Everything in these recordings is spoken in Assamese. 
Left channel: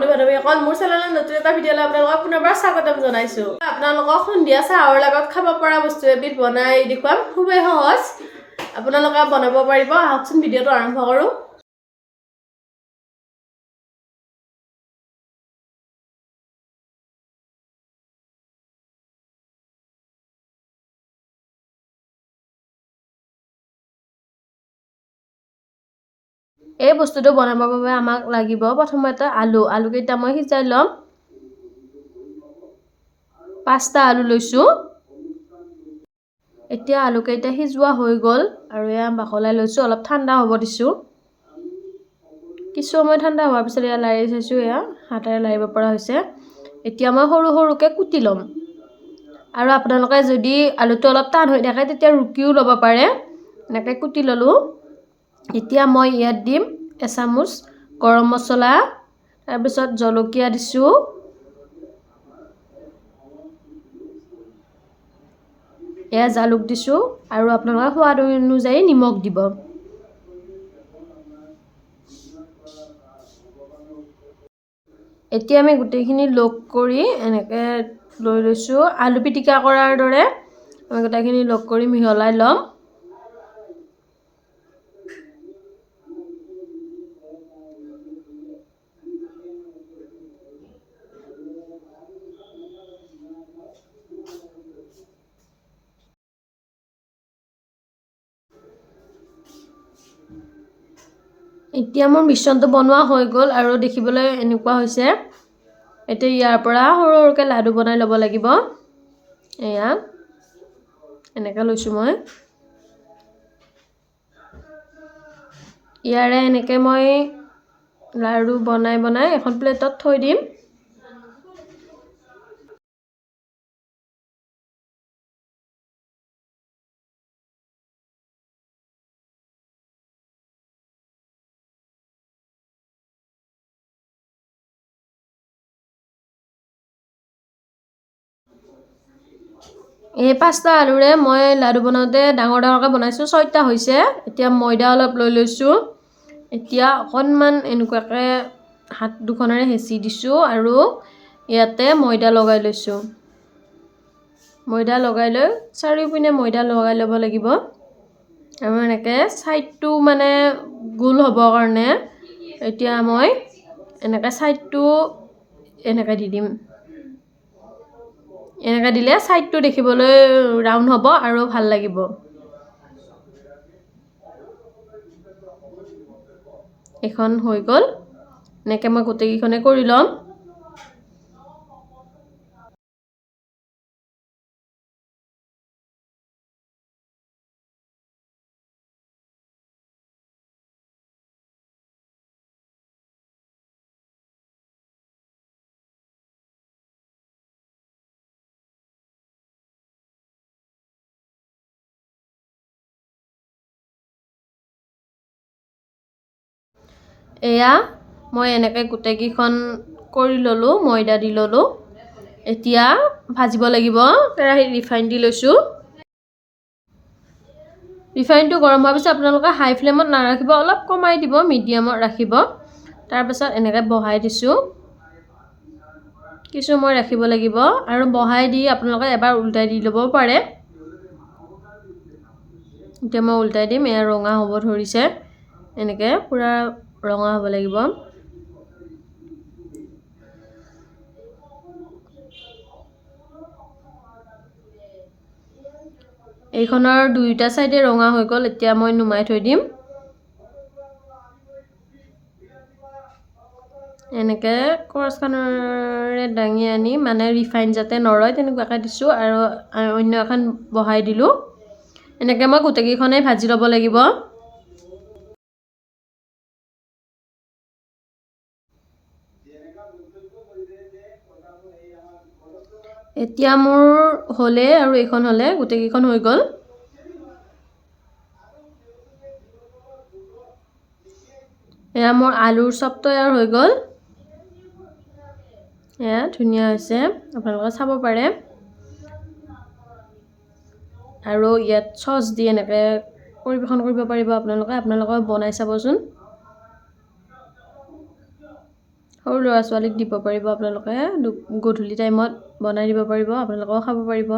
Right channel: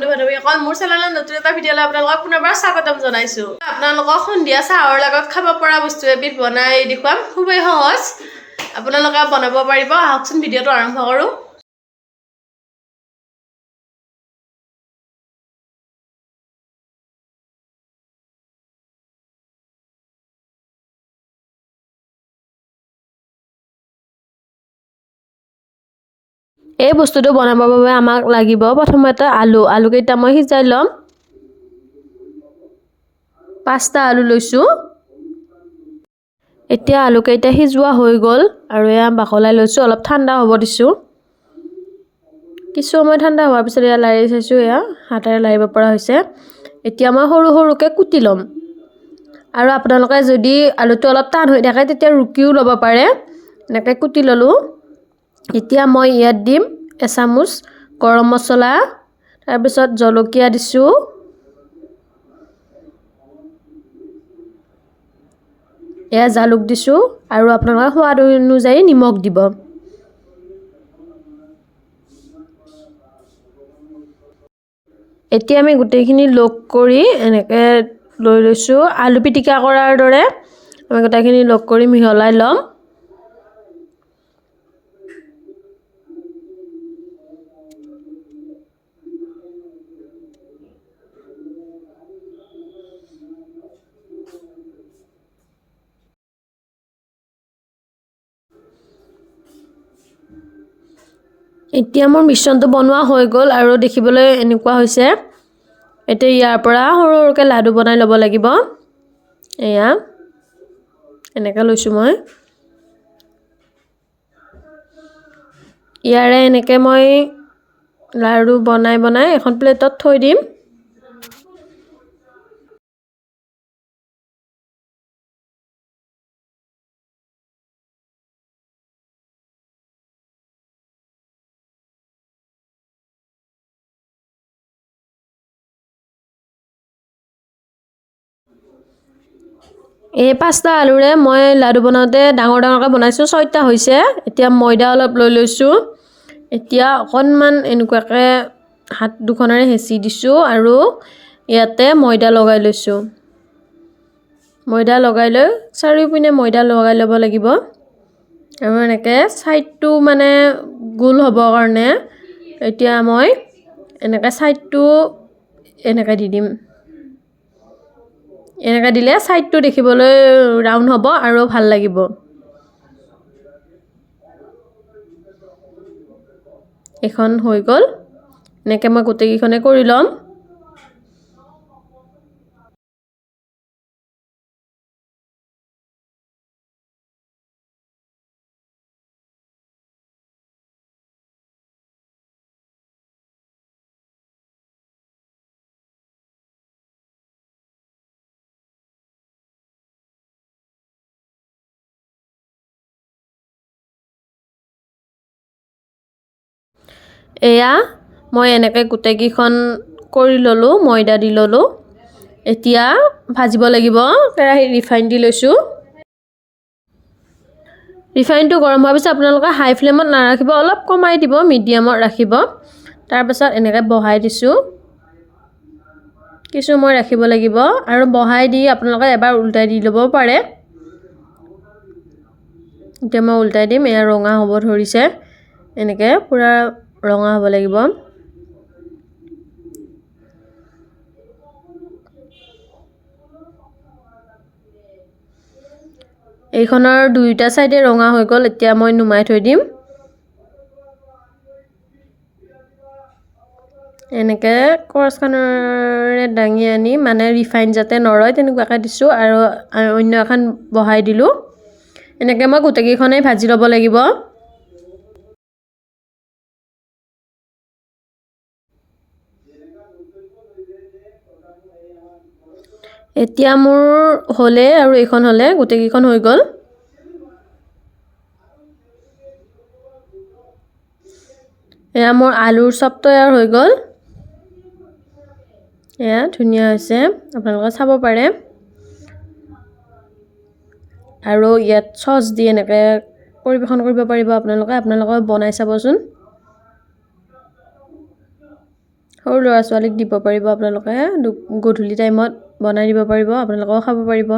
বন্ধু বান্ধৱীসকল মোৰ চেনেলত নতুন এটা ভিডিঅ'লৈ আপোনালোকক পুনৰবাৰ স্বাগতম জনাইছোঁ। আপোনালোকক সন্ধিয়া চাহৰ লগত খাব পৰা বস্তু এবিধ বনাই দেখুৱাম। খুবেই সহজ, আপোনালোকে বনাব পাৰিব। আহকচোন ভিডিঅ'টো আৰম্ভ কৰোঁ। এই বস্তুটো বনাবৰ বাবে আমাক লাগিব প্ৰথমতে আলু কেইটা মই সিজাই ল'ম। 5টা আলু লৈছোঁ। এতিয়া আলু কেইটা সিজোৱা হৈ গ'ল আৰু এয়া বাকলাই লৈছোঁ, অলপ ঠাণ্ডা হ'ব দিছোঁ। কিছু সময় ঠাণ্ডা হোৱাৰ পিছত এয়া লাৰি চাইছোঁ, এয়া হাতেৰে লাৰিব পৰা হৈছে। এতিয়া মই সৰু সৰুকৈ কুটি ল'ম আৰু আপোনালোকে যদি আলুটো অলপ টান হৈ থাকে তেতিয়া ৰুকিও ল'ব পাৰে। এনেকৈ কুটি ল'লোঁ। এতিয়া মই ইয়াত দিম এচামুচ গৰম মছলা, তাৰপিছত জলকীয়া দিছোঁ, এয়া জালুক দিছোঁ আৰু আপোনালোকৰ সোৱাদ অনুযায়ী নিমখ দিব। এতিয়া আমি গোটেইখিনি লগ কৰি এনেকৈ লৈ লৈছোঁ। আলু পিটিকা কৰাৰ দৰে আমি গোটেইখিনি লগ কৰি মিহলাই ল'ম। এতিয়া মোৰ মিশ্ৰণটো বনোৱা হৈ গ'ল আৰু দেখিবলৈ এনেকুৱা হৈছে। এতিয়া ইয়াৰ পৰা সৰু সৰুকৈ লাডু বনাই ল'ব লাগিব। এয়া এনেকৈ লৈছোঁ মই। ইয়াৰে এনেকৈ মই লাডু বনাই বনাই এখন প্লেটত থৈ দিম। এই 5টা আলুৰে মই লাডু বনাওঁতে ডাঙৰ ডাঙৰকৈ বনাইছোঁ, 6টা হৈছে। এতিয়া ময়দা অলপ লৈ লৈছোঁ। এতিয়া অকণমান এনেকুৱাকৈ হাত দুখনেৰে হেঁচি দিছোঁ আৰু ইয়াতে ময়দা লগাই লৈছোঁ। ময়দা লগাই লৈ চাৰিওপিনে ময়দা লগাই ল'ব লাগিব আৰু এনেকৈ ছাইডটো মানে গোল হ'বৰ কাৰণে এতিয়া মই এনেকৈ ছাইডটো এনেকৈ দি দিম। এনেকৈ দিলে ছাইডটো দেখিবলৈ ৰাউণ্ড হ'ব আৰু ভাল লাগিব। এখন হৈ গ'ল। এনেকৈ মই গোটেইকেইখনে কৰি ল'ম। এয়া মই এনেকৈ গোটেইকেইখন কৰি ল'লোঁ, ময়দা দি ল'লোঁ। এতিয়া ভাজিব লাগিব। কেৰাহীত ৰিফাইন দি লৈছোঁ। ৰিফাইনটো গৰম হোৱাৰ পিছত আপোনালোকে হাই ফ্লেমত নাৰাখিব, অলপ কমাই দিব, মিডিয়ামত ৰাখিব। তাৰপিছত এনেকৈ বহাই দিছোঁ। কিছু সময় ৰাখিব লাগিব আৰু বহাই দি আপোনালোকে এবাৰ উল্টাই দি ল'ব পাৰে। এতিয়া মই উল্টাই দিম। এয়া ৰঙা হ'ব ধৰিছে। এনেকৈ পূৰা ৰঙা হ'ব লাগিব। এইখনৰ দুয়োটা চাইডে ৰঙা হৈ গ'ল। এতিয়া মই নুমাই থৈ দিম। এনেকৈ কৰচখনেৰে দাঙি আনি মানে ৰিফাইন যাতে নৰয় তেনেকুৱাকৈ দিছোঁ আৰু অন্য এখন বহাই দিলোঁ। এনেকৈ মই গোটেইকেইখনেই ভাজি ল'ব লাগিব। এতিয়া মোৰ হ'লে আৰু এইখন হ'লে গোটেইকেইখন হৈ গ'ল। এয়া মোৰ আলুৰ চপ তৈয়াৰ হৈ গ'ল। এয়া ধুনীয়া হৈছে, আপোনালোকে চাব পাৰে। আৰু ইয়াত চচ দি এনেকৈ পৰিৱেশন কৰিব পাৰিব আপোনালোকে বনাই চাবচোন। সৰু ল'ৰা ছোৱালীক দিব পাৰিব আপোনালোকে গধূলি টাইমত বনাই দিব পাৰিব আপোনালোকেও খাব পাৰিব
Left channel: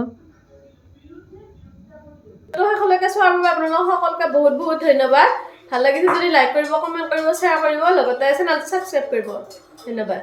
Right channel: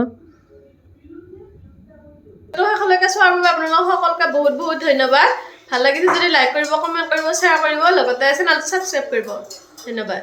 শেষলৈকে চোৱাৰ বাবে আপোনালোকক সকলোকে বহুত বহুত ধন্যবাদ ভাল লাগিছে যদি লাইক কৰিব কমেণ্ট কৰিব শ্বেয়াৰ কৰিব লগতে চেনেলটো ছাবস্ক্ৰাইব কৰিব ধন্যবাদ